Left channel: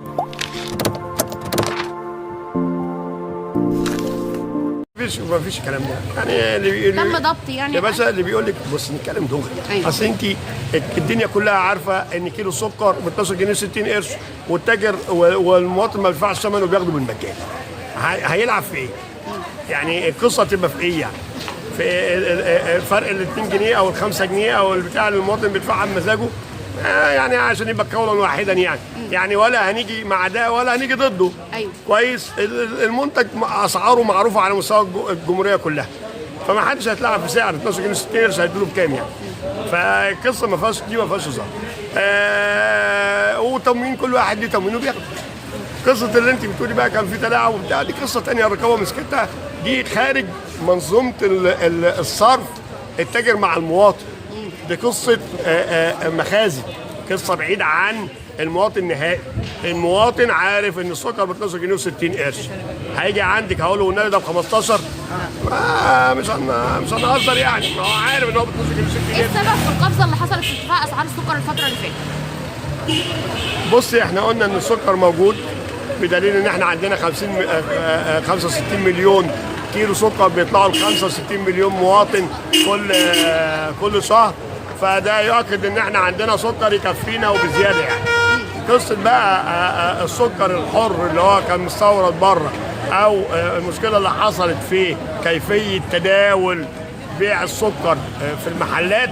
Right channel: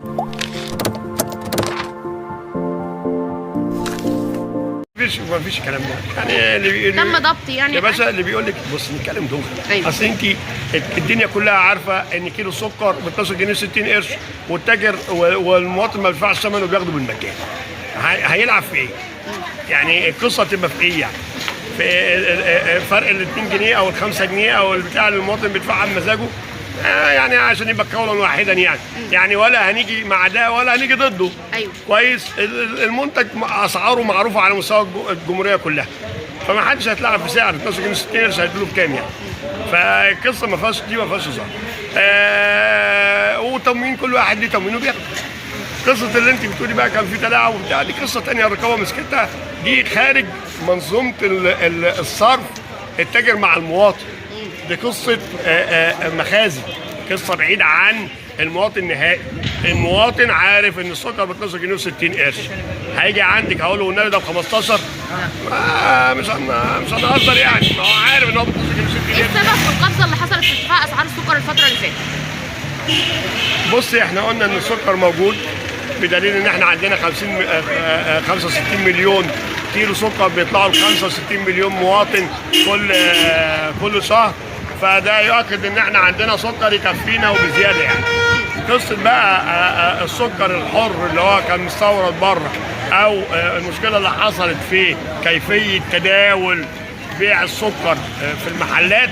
مفيش الكلام ده، يعني اللي تم ضبط يعني يا باشا اللي بيقول لك بص نتكلم دغري. أيوة. اصل انت الدنيا كلها عارفه ان كيلو سكر ب 12 جنيه 60 قرش، والتاجر والمواطن ما بيدفعش ثمنه وبياخده بالمجان. هيلعب في ايه؟ يعني القصه تبقى في ايه يعني؟ في فرق ال 2 جنيه او ال 5 جنيه او البتاع اللي المواطن بيدفعها بمزاجه، يعني عشان يبقى قولا واحدا يعني ولا هنيجي مع ده ولا هنيجي ضده. أيوة. كويس. المنتج اسعاره معروفه على مستوى الجمهوريه كلها، فما حدش هيتلعب في سعر 12 جنيه 60 قرش هيديله بكام يعني. فالقصه ما فيهاش هزار. وتموين كل واحد ليه تموينه بياخده. قصه اللي انت بتقولي بقى كان في تلاعب وبتاع، دي قصه ثانيه الرقابه مسكتها، دي خارج منظومه الصرف التاجر مع المواطن. دي قصه مخازن، قصه بعيده عن المواطن النهائي. المواطن عارف ان السكر ب 12 جنيه و60 قرش، هيجي عندك هقول له والنبي ده ب 15، مش هنهزر يعني، ما هو عارف ان هو ب 12 جنيه و60 قرش. ايه السبب في القفزه اللي حصلت في ارتفاع اسعار السكر الفتره اللي فاتت؟ بصي احنا قلنا ان السكر موجود، بدليل ان احنا عندنا 65 مليون كيلو سكر بيطلعوا ل 65 مليون مواطن كل شهر، فده يؤكد ان احنا عندنا سكر يكفينا وبزياده يعني. قصه بقى السكر الحر اللي هو كان مستورد بره، او المشكله اللي حصلت في كيفيه تداول بيع السكر في المحلات،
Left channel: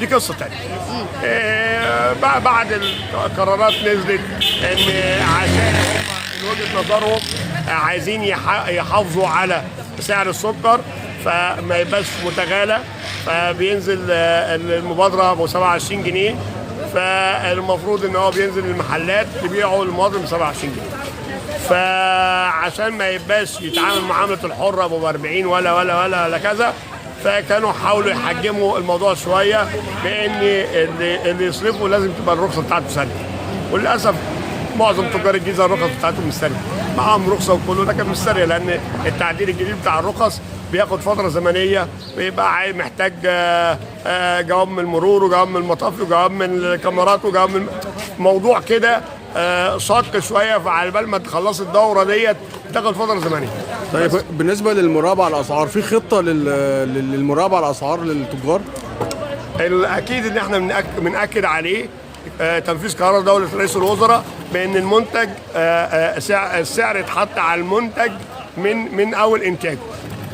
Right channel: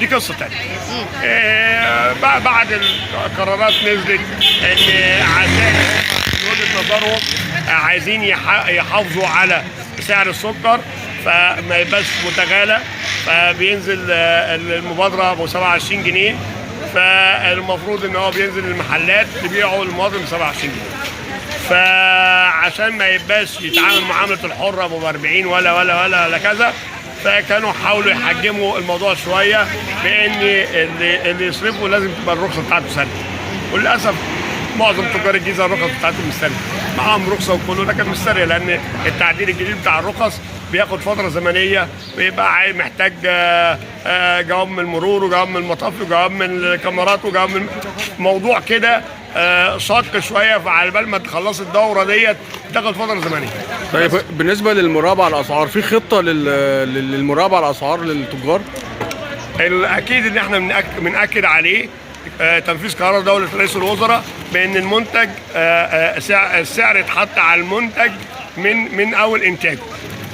دي قصه ثانيه. بعد القرارات نزلت ان عشان من وجهه نظرهم عايزين يحافظوا على سعر السكر فما يبقاش متغالى، فبينزل المبادره ب 27 جنيه، فالمفروض ان هو بينزل المحلات تبيعه للمواطن ب 27 جنيه. فعشان ما يبقاش يتعامل معامله الحره ب 40 ولا كذا، فكانوا حاولوا يحجموا الموضوع شويه بان اللي يصرفه لازم تبقى الرخصه بتاعته سنه. وللاسف معظم تجار الجيزه الرخص بتاعتهم مش ساريه، معاهم رخصه وكله ده كان مش ساريه، لان التعديل الجديد بتاع الرخص بياخد فتره زمنيه، بيبقى محتاج جواب من المرور وجواب من المطافي وجواب من الكاميرات وجواب من موضوع كده شاق شويه، فعلى بال ما تخلص الدوره ديت تاخد فتره زمنيه. طيب بالنسبه للمراقبه على الاسعار، في خطه للمراقبه على الاسعار للتجار؟ اكيد ان احنا بنأكد عليه تنفيذ قرار دولة رئيس الوزراء بأن المنتج السعر يتحط على المنتج من أول إنتاجه،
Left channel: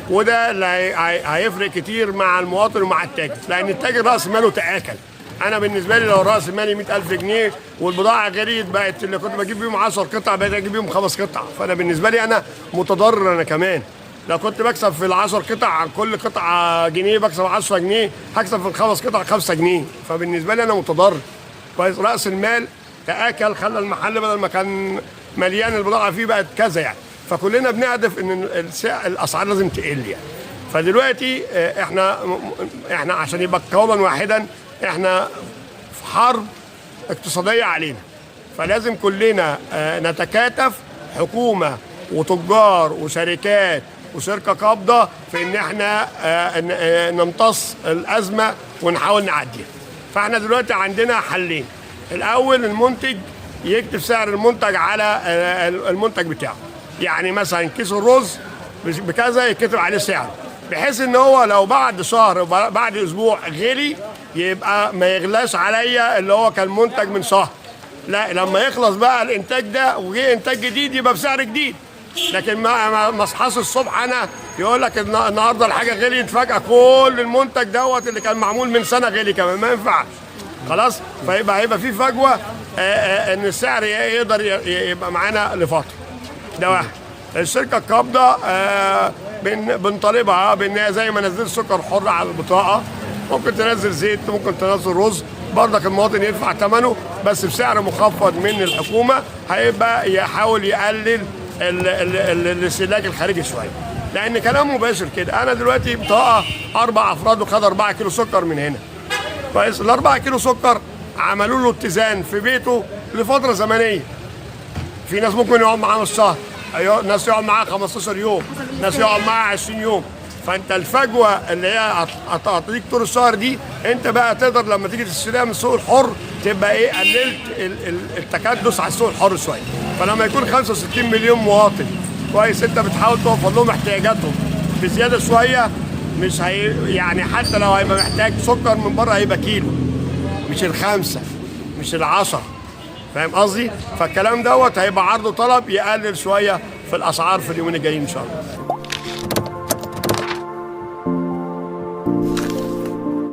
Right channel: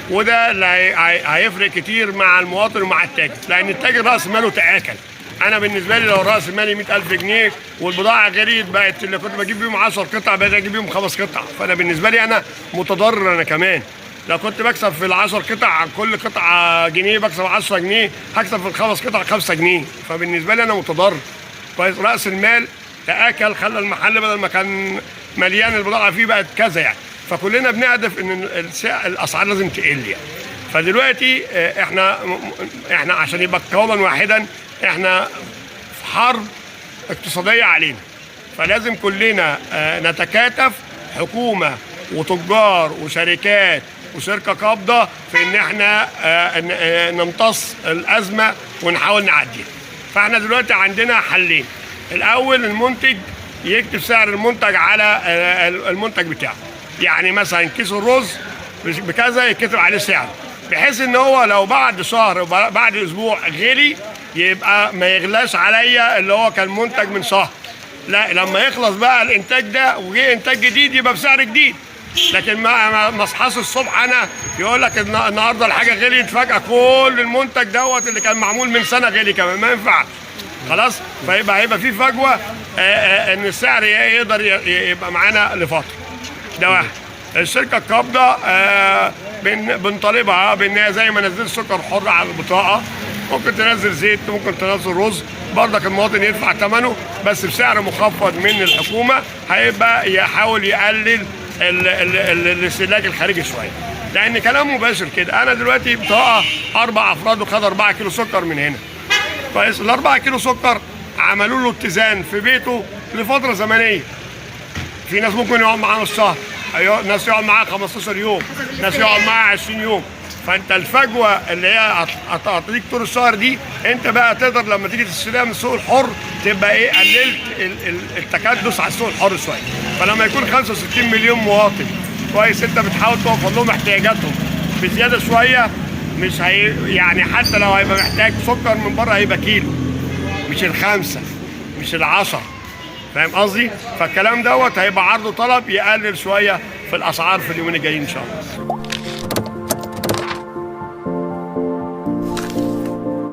وده اللي هيفرق كتير مع المواطن ومع التاجر، لأن التاجر رأس ماله تآكل. أنا بالنسبة لي لو رأس مالي 100,000 جنيه والبضاعة غليت، بقت اللي كنت بجيب بيهم 10 قطع بقيت أجيب بيهم 5 قطع، فأنا بالنسبة لي أنا متضرر أنا كمان. لو كنت بكسب في ال10 قطع كل قطعة جنيه بكسب 10 جنيه، هكسب في ال5 قطع 5 جنيه، فبالنسبة لي أنا متضرر. كويس. راس المال تاكل، خلى المحل بدل ما كان مليان البضاعه فيه بقت كذا يعني، فكلنا بنهدف ان الاسعار لازم تقل يعني. فدلوقتي احنا عشان يبقى قولا واحدا، احنا في حرب اقتصاديه علينا، فلازم كلنا نتكاتف، حكومه وتجار وشركات وشركه قابضه، في ان احنا نمتص الازمه ونحاول نعديها. فاحنا دلوقتي عندنا حلين. الاول المنتج يكتب سعر المنتج على المنتج بتاعه، يعني مثلا كيس الرز بكذا يكتب عليه سعر، بحيث ان هو لو بعد شهر بعد اسبوع غلي يبقى ما يغلاش عليا اللي هو كان منتج من شهر، لا لما يخلص بقى الانتاج ده وجه انتاج جديد يبقى بسعر جديد. لكن ما اصحاش الصبح انا يقول لك النهارده الحاجه غليت فجاه كل المنتج دوت اللي كان معمول من سنه غلي كمان، ما ينفعش خلاص. هيبقى في فجوه ان السعر يقدر يبقى معانا لفتره. ده واحد. الشركه القابضه بنطالبها بان زي ما نزلت سكر حر على البطاقه، ممكن تنزل زيت، ممكن تنزل رز، برضك المواطن يدفع ثمنه بس بسعر مخفض من الحكومه، هيبقى يحاول يقلل الاستهلاك الخارجي شويه. لان كلام مباشر كده، انا دلوقتي بطاقه 4 افراد وخد 4 كيلو سكر من هنا. كويس. ال4 كيلو سكر عملوا له اتزان في بيته لفتره زمنيه. في ناس ممكن يقعد معاه نص شهر، ناس يقعد معاه 15 يوم، ناس يقعد معاه 20 يوم. فانت الفجوه اللي هي هتعطيك طول الشهر دي، انت بقى تقدر لما تيجي تشتريها من السوق الحر تبقى ايه، قللت التكدس على السوق الحر شويه. فلما يكون 65 مليون مواطن كويس، انت بتحاول توفر لهم احتياجاتهم بزياده شويه، مش هي يعني حتى لو هيبقى محتاج سكر من بره هيبقى كيلو، مش ال5 مش ال10. فاهم قصدي؟ فالكلام دوت هيبقى عرض وطلب يقلل شويه في الاسعار في اليومين الجايين ان شاء الله.